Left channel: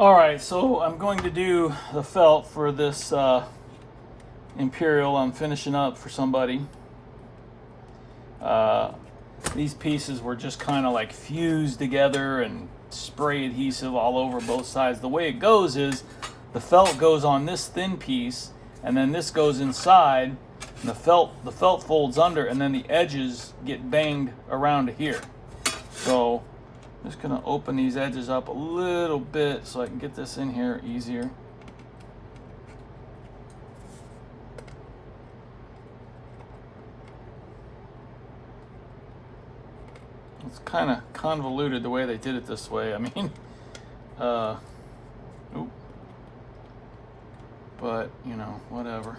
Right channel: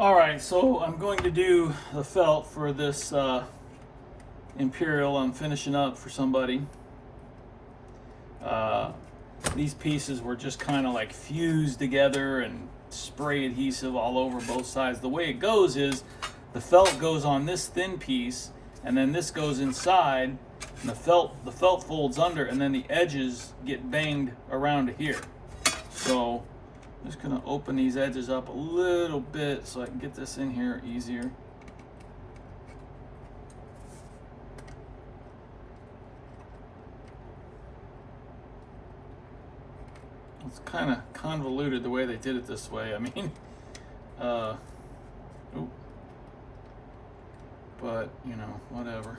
All right, so I'm going to do the felt for this Imperial I'm finishing up for somebody. These pieces were just kind of like fused together and spray adhesive all over both sides. The way it goes is the felt goes on this thin piece, and then this goes inside, and the felt folds under, and then the edges get banged around to here. So I'm just gonna open these edges up a little bit so I can get this in here easier. It's kind of convoluted the way they did it this way. I mean, but you know, whatever.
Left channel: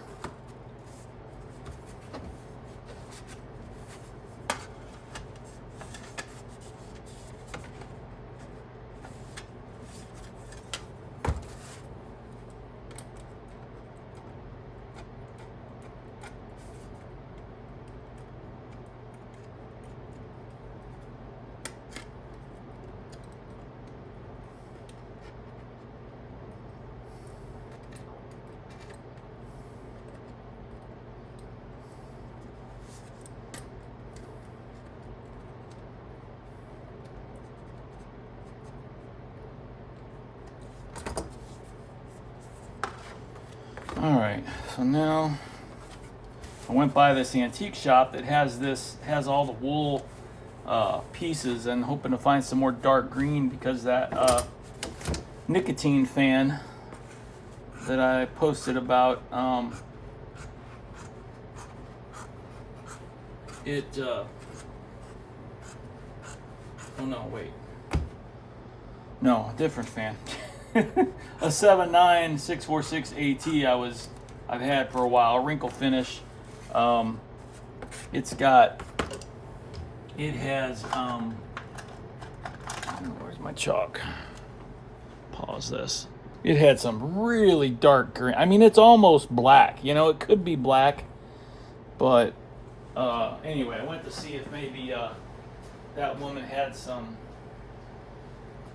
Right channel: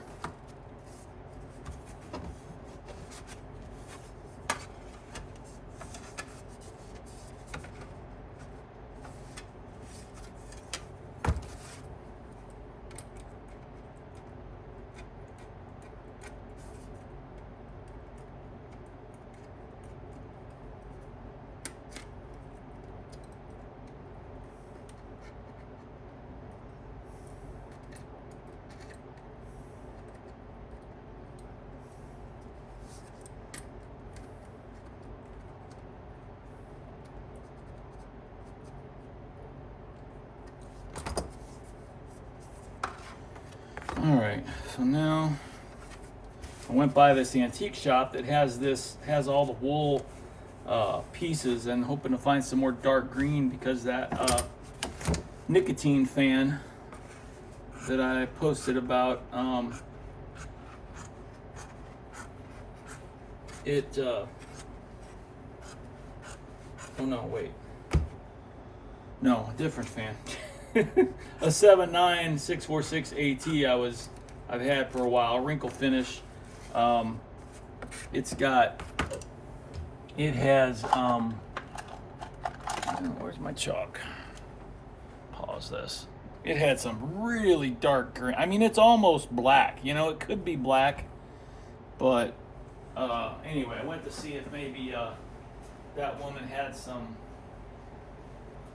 All right, so now I went by this antique shop that has all the wool pieces, and hoping to find some more dark green, because that nicotine fan that I posted about, oh no, wait, no, different fan. A 79646 AT I've had for a while, wrinkle finish. It has where's my chalk? Pause this. It had some really dark green. I mean, it's almost black. You know, it could be black, but anyway, I went to see if maybe that woman had some.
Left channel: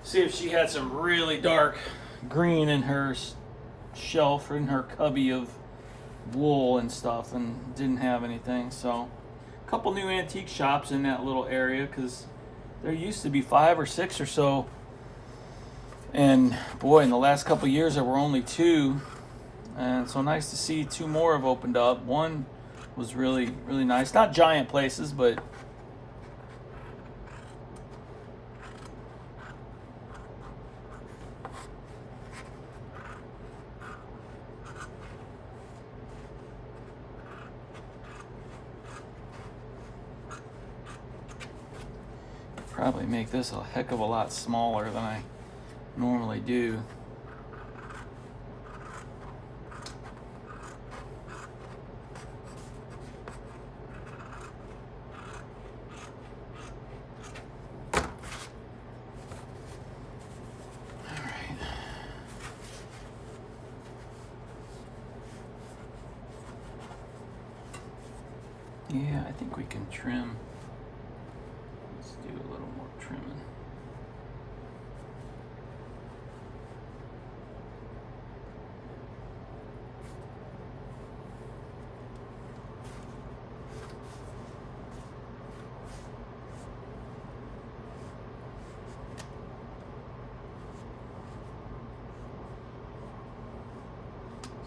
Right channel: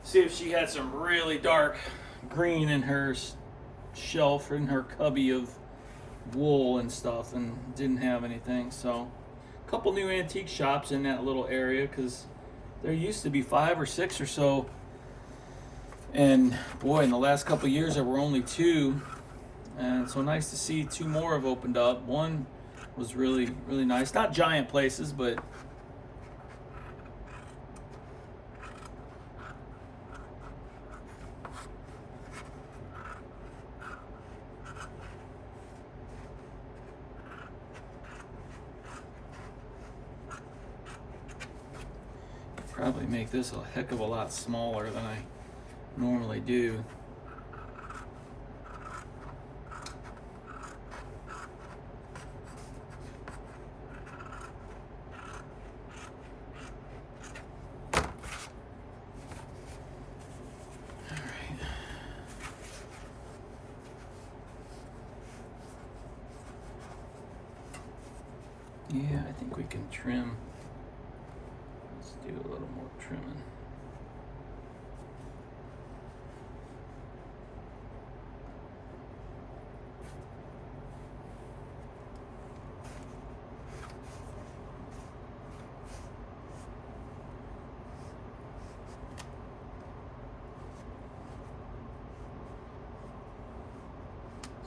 See if she had some really dark green in her shelf or in her cubby of wool and stuff, and didn't have anything. So a couple new antique shops in that little area, because there used to be 5 or 6 or so, and boy, in the last couple of years there were only 2, and so nice to see 2 more have opened up. One was really nice, not giant places, but probably make this a heck of a lot smaller than I normally do. All right. Yeah, I think we can trim. Do a little more trimming.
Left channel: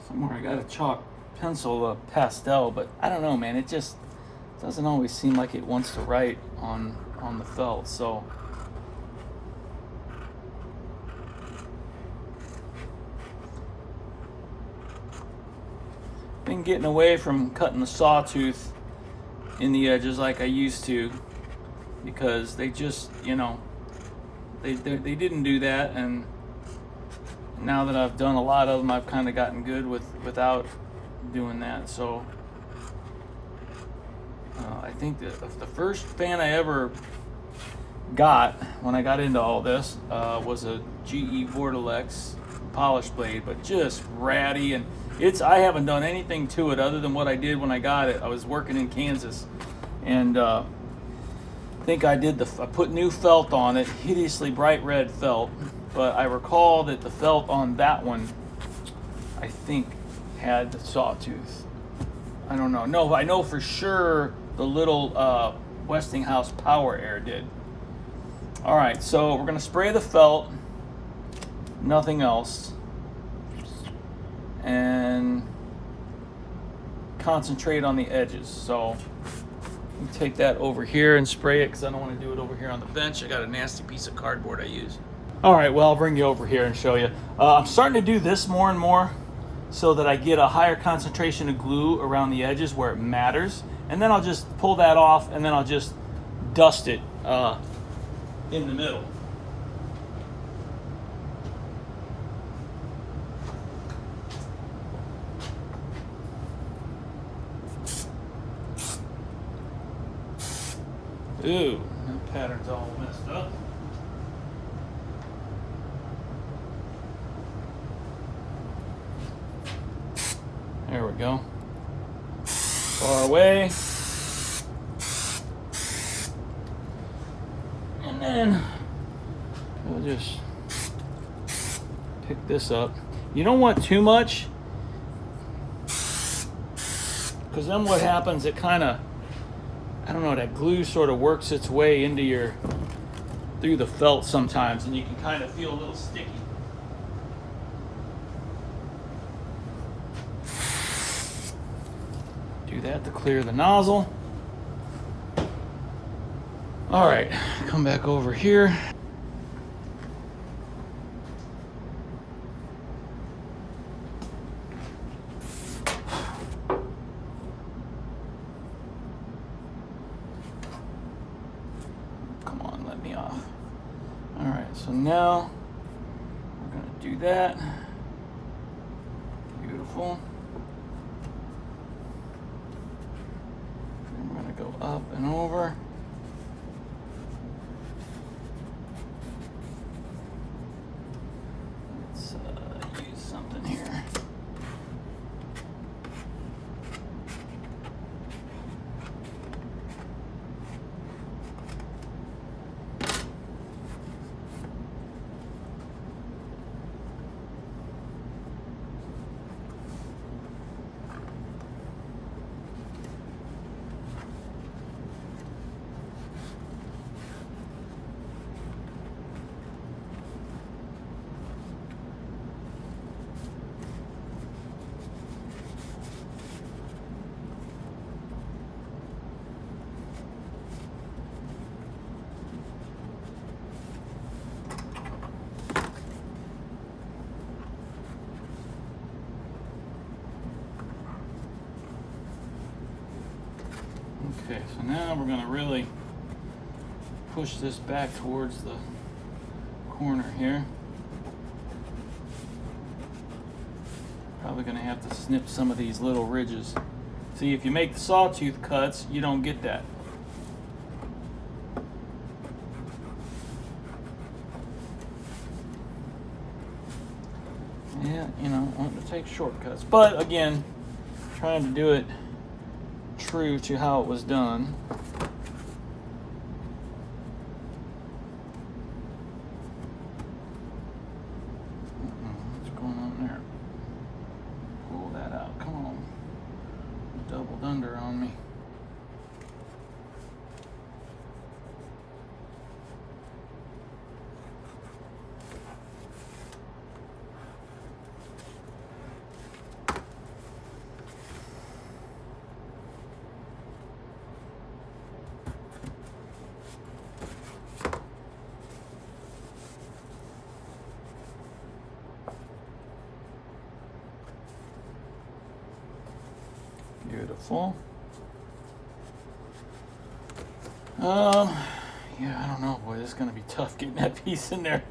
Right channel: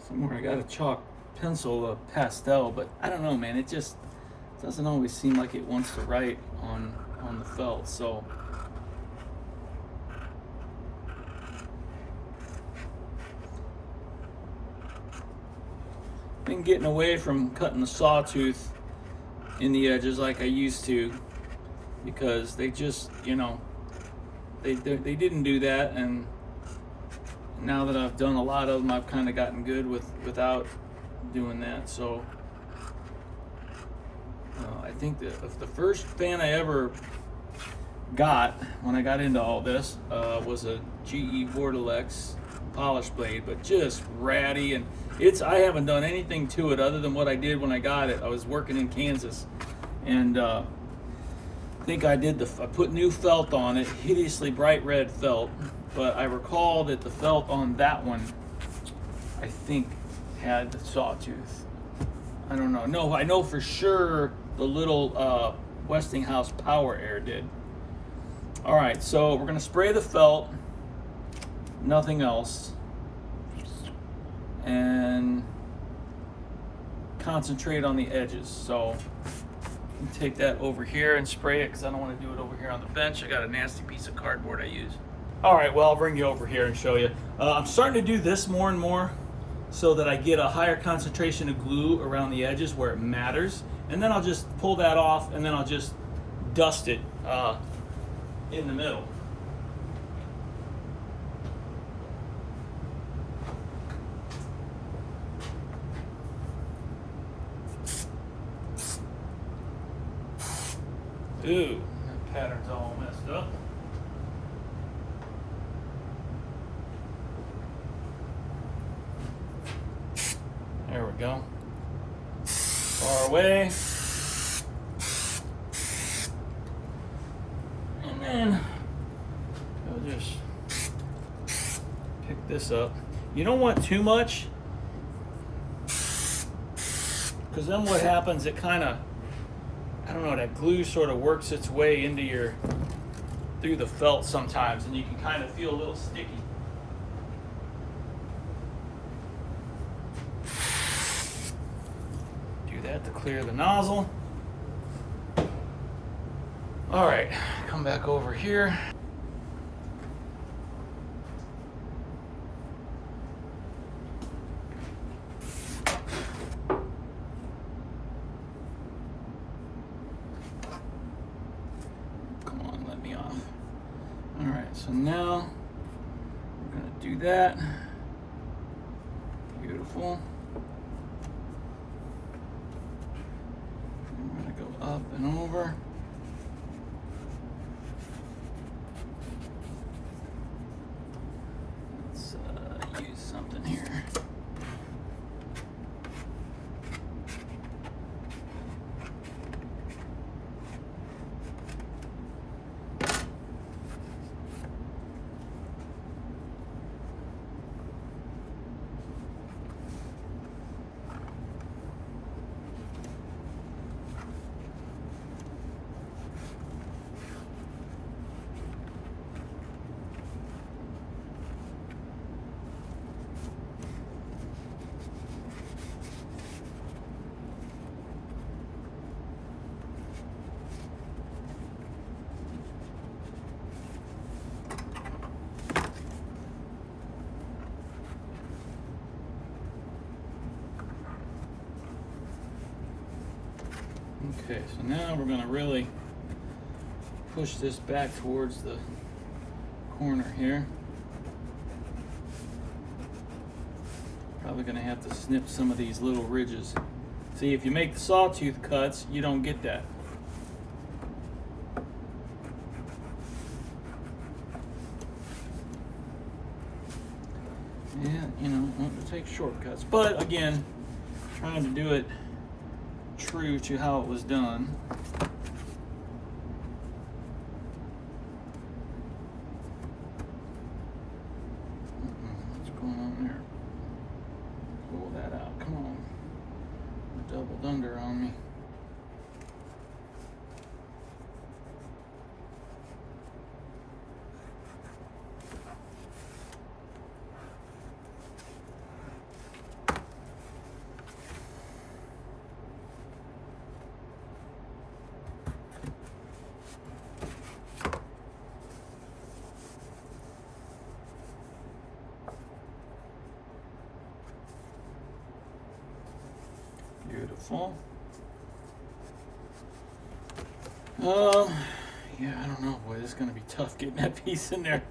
Somewhere I got a chalk pencil, pastel, but I don't know, man. It just doesn't always seem like it wants to write on the felt, so been getting away from cutting the sawtooth in the edges like I used to, because they just, you know, they didn't do that, and now that I've done a lot of them, I've kind of gotten good without doing that. So I think that the first fan I ever got when I got into all this was a GE Vortilex polish blade, but just ratty, and I haven't done anything to it other than what I did when I got it. I was working in Kansas, and I think I put new felt on it, hideously bright red felt, but I recall that the felt on that one, I think, had the sawtooth. I don't know. No, I know for sure the little Westinghouse Power Air did. All right, so we're gonna spray the felt, nothing else, and concentrate on the edges. So let me take that over here and spray it because I don't want to do it over here on the bench. I got a nasty piece of cardboard I use. All right, well, I'll bring you over here and show you. I'm starting to do this more and more so that I get a higher concentration of glue around the edges where it matters. And then I'll just pull that off and then I'll just dust it in the middle. Ooh, that pattern's all messed up. There we go. Far away. And then we'll just pick this up. You don't want too much, because then what happens, it kind of, I don't know, that glue sort of works its way into through the felt sometimes, and you can kind of feel a little sticky. Do that to clear the nozzle. All right, come back over here. Come on, let me off. All right, so now we're gonna do that. Beautiful. And we're gonna go up and over. Use something here. Okay, so now we're going to really push this back towards the corner here. Probably going to have to snip some of these little ridges. See, if you make the sawtooth cuts, you don't get that. Yeah, you know, want to take shortcuts. But again, trying to do it true to how it was done. What's going on there? Pull that out. Come on. Doubled under on me. Beautiful. Yeah, I don't know. Boy, this is going to be tough getting that piece in there.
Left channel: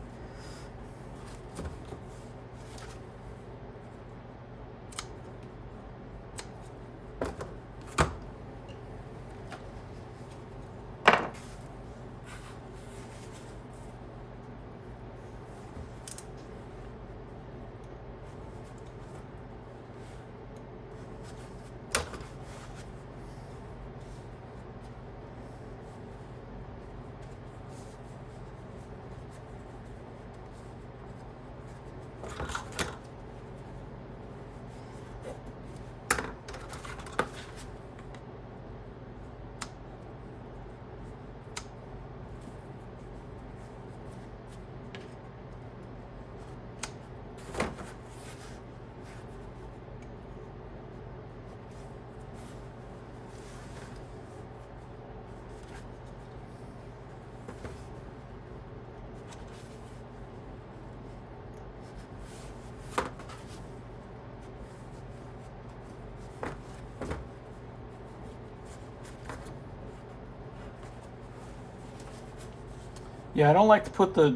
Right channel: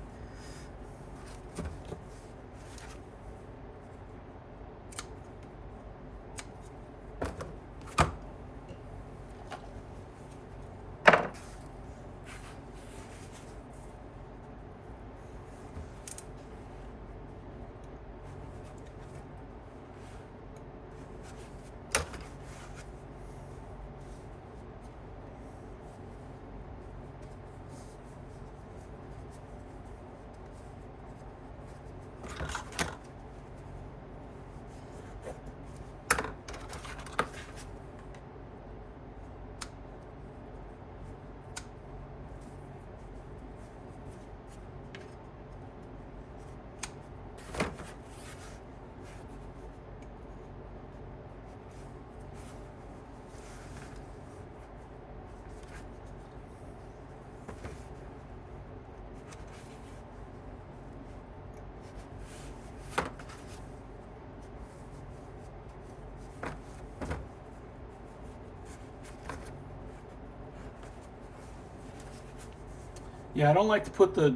Yeah, I don't like to put the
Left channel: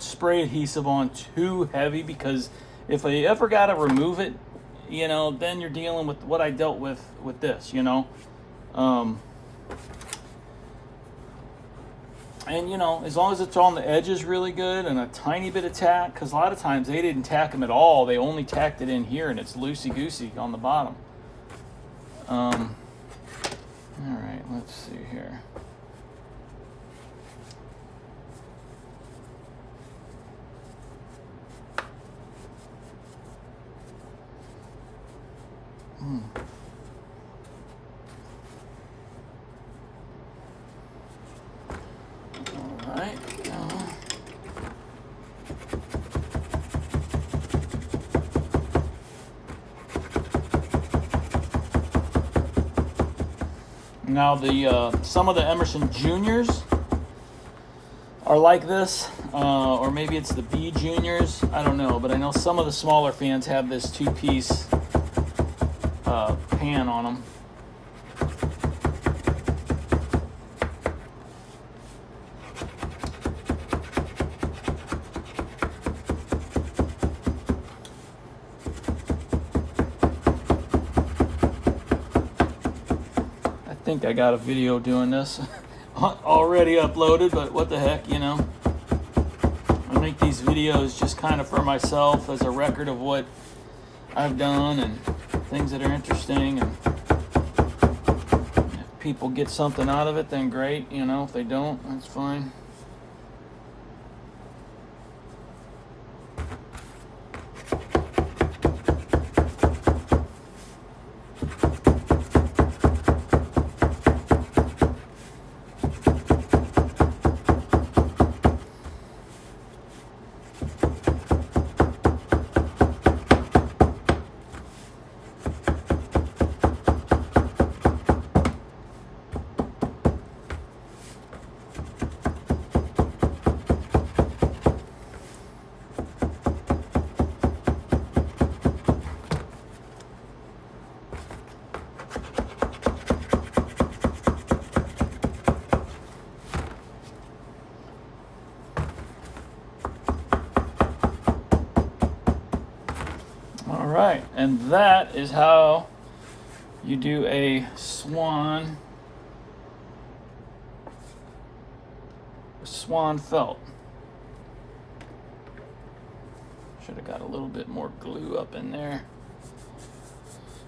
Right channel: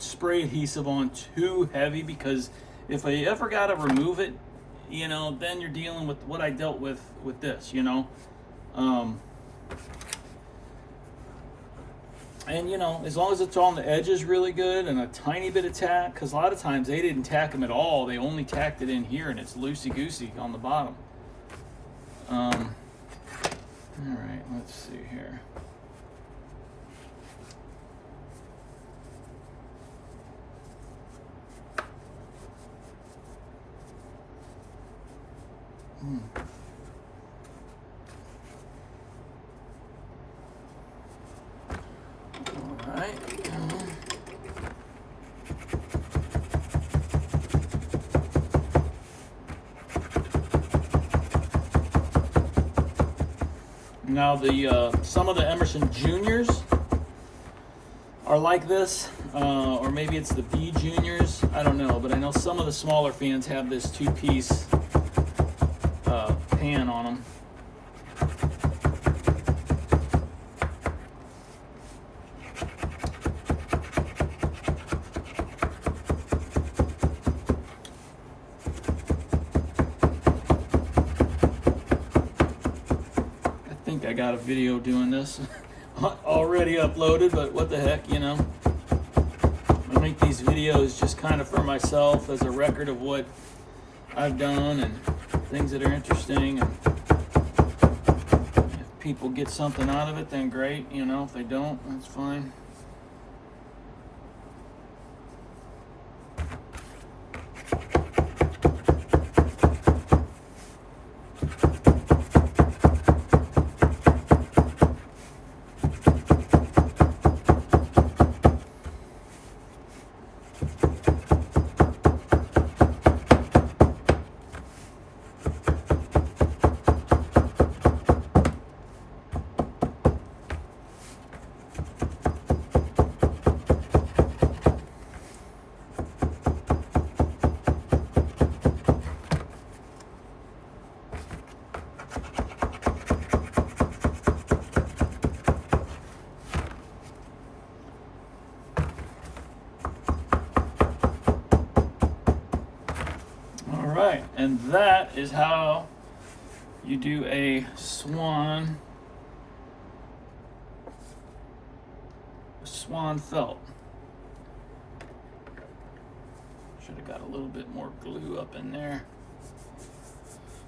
spray adhesive on too heavy, because if I ever got to remove it, you know, then you're dealing with what I dealt with this, you know. And you know, as long as it's on the edges really good and a tiny bit of tack, because a lot of times they didn't tack them at all, they only tacked it in here and it's loosey-goosey on the bottom. All right, let's see here. All right. Now the some of the Emerson Juniors are like this, or maybe it's the B Juniors. I don't know, but I know some of the smaller fans have this two-piece pan on them. I think I got a video doing this already uploaded, but what the heck, you know. I make these videos just kind of for myself as a record of what I've done and things that are interesting, and if people get something out of it, then great, you know. If they don't, that's fine. Alright, and that is how you do a swan felt. Should have got a little bit more glue up in there.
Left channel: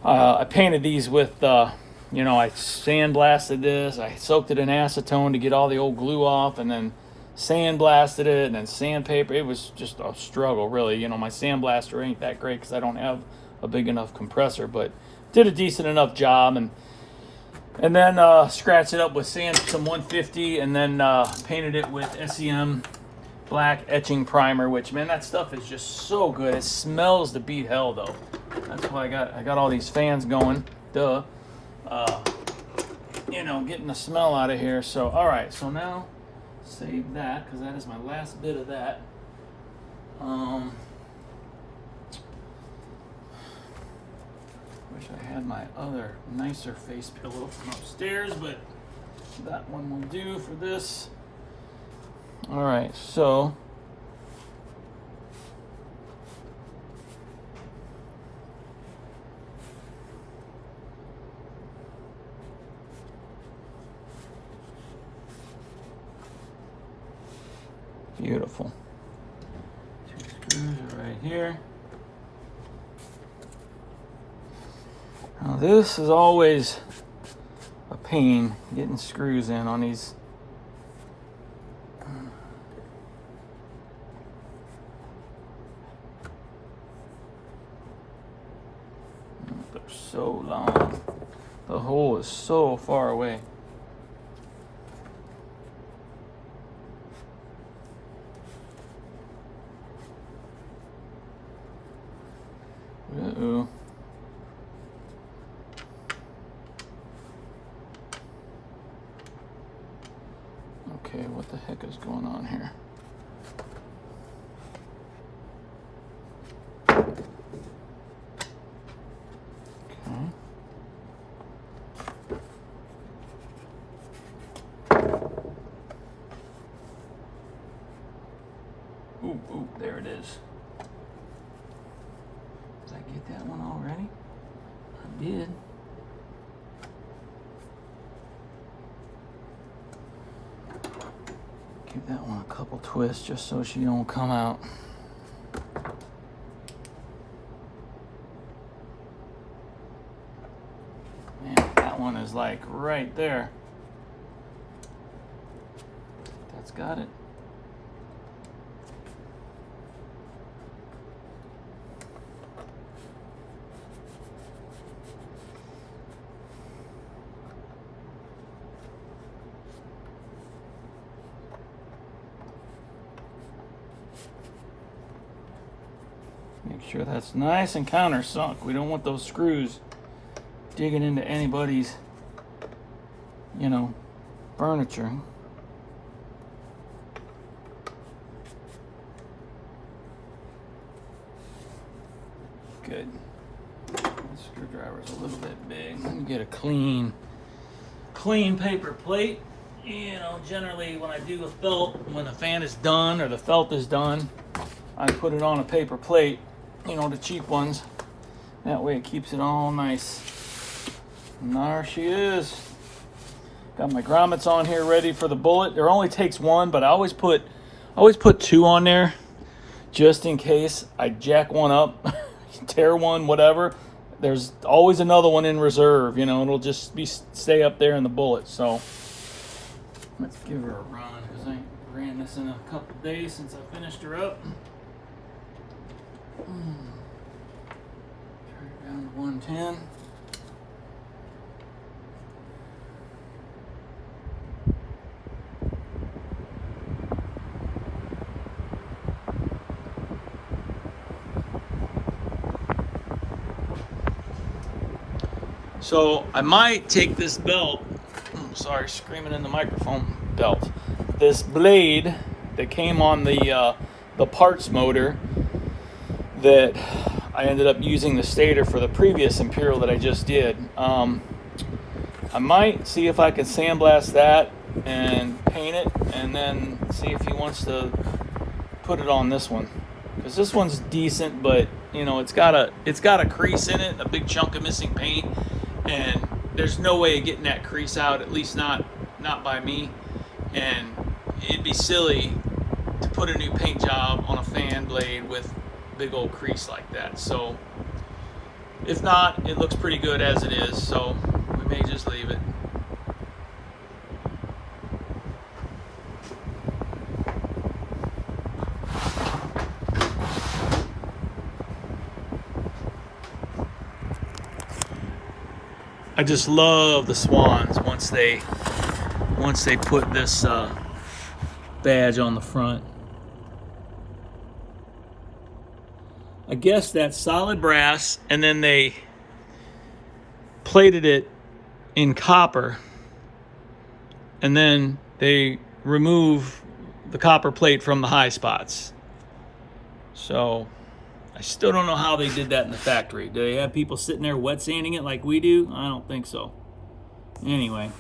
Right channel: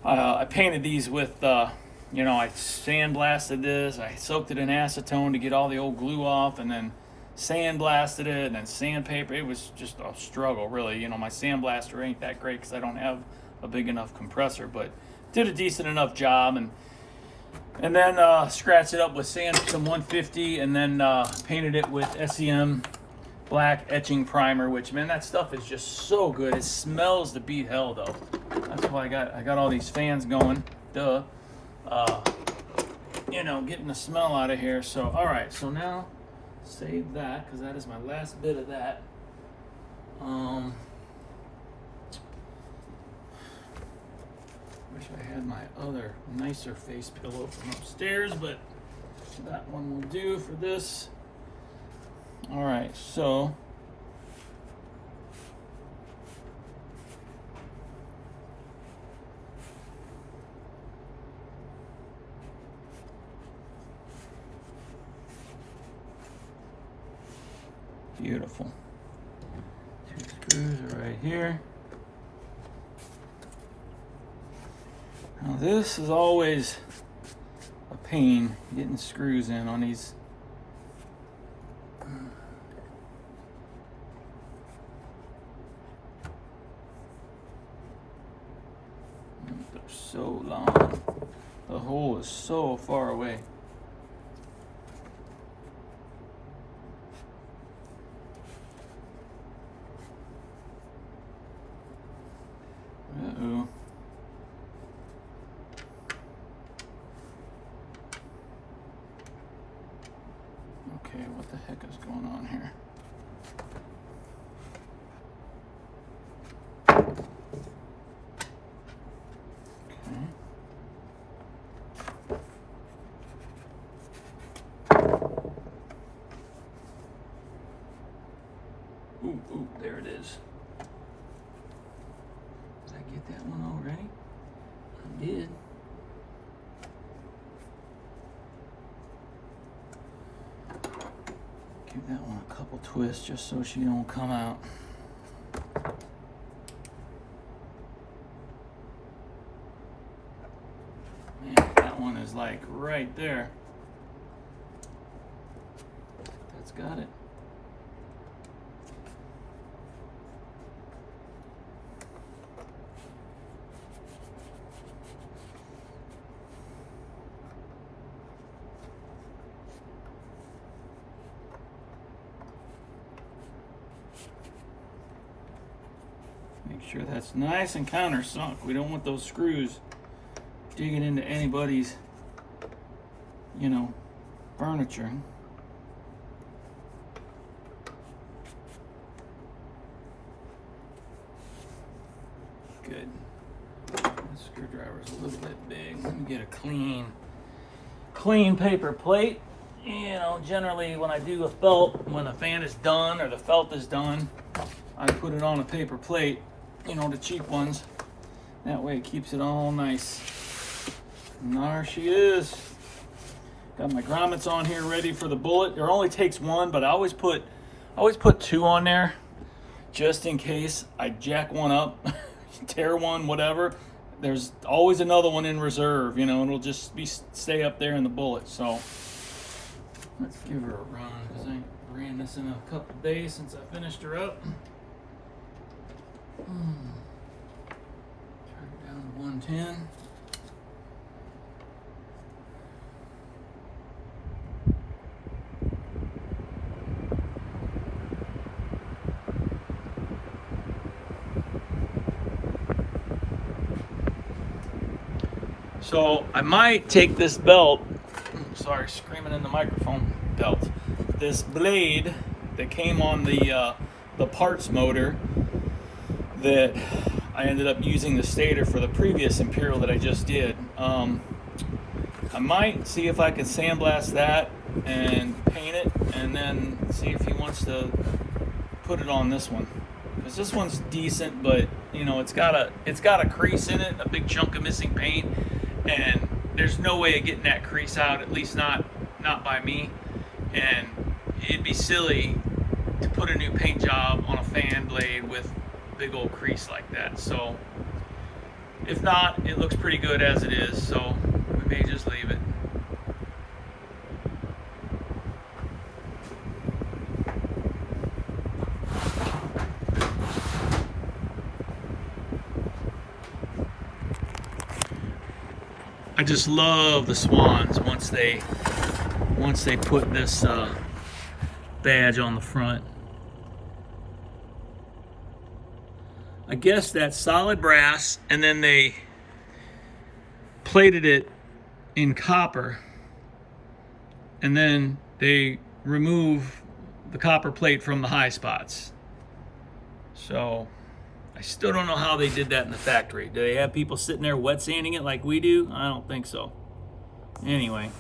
I painted these with, you know, I sandblasted this. I soaked it in acetone to get all the old glue off, and then sandblasted it, and then sandpaper. It was just a struggle, really. You know, my sandblaster ain't that great because I don't have a big enough compressor, but did a decent enough job. And then scratched it up with some 150, and then painted it with SEM black etching primer, which, man, that stuff is just so good. It smells to beat hell, though. That's why I got all these fans going. Duh. You know, getting the smell out of here. So, all right. So now, save that, because that is my last bit of that. Wish I had my other nicer face pillow from upstairs, but that one will do for this. All right, so beautiful. Two screws are right here. Now this is always a pain, getting screws in on these. They're so long. The hole is so far away. Uh-oh. Okay, what the heck is going on here? Okay. get that one already? I did. Give that one a couple twists just so she don't come out. Man, that one is like right there. That's got it. Make sure that's nice and countersunk. We don't want those screws digging into anybody's, you know, furniture. Good. That screwdriver's a little bit big. Let me get a clean paper plate. You know, generally when I do a felt, when the fan is done or the felt is done, I put it on a paper plate, you know, the cheap ones. That way it keeps it all nice. And there she is. Got my grommets on here ready for the bullet. There only takes one, but I always put two on there just in case I jack one up, tear one, whatever. There's always another one in reserve, you know, it'll just stay up there in the bullet. So let's give her a run because I ain't ran this in a couple days since I finished her up. Turn it down to 110. So I might take this belt, sorry, screaming in the microphone, belt. This blade that came on the parts motor that I ended up using the stator for the previous Imperial that I just did. I might see if I can sandblast that and paint it, and then see if he wants to put it on this one. Because this one's decent, but you know it's got a crease in it, a big chunk of missing paint, and there's no way of getting that crease out, at least not by me. And it'd be silly to put a new paint job on a fan blade with a big old crease like that. So if not, it looks pretty good as it is, so we may just leave it. I just love the Swans once they put this badge on the front. I guess that's solid brass, and then they plated it in copper, and then they remove the copper plate from the high spots. So I still don't know how they did that in the factory. Do they have people sitting there wet sanding it like we do? I don't think so. Anyway.